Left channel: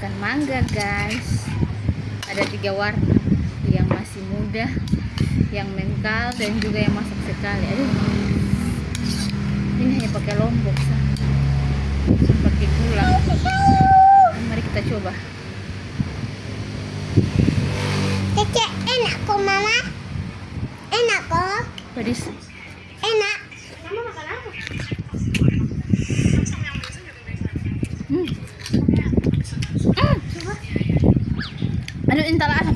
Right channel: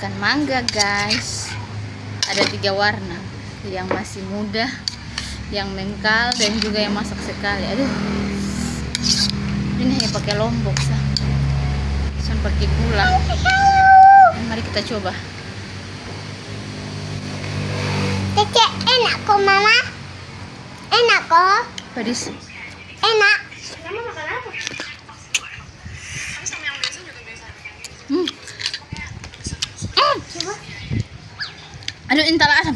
makan mangga guys. Ada 3 warna, yang masih muda, yang mengkal, dan juga yang masak sekali. Aduh, ini hanya pakai lombok sah, pakai gula. Mari kita coba. Kece, enak kok mama. Enak kok. Pedis. Enak. Aduh, intal asam.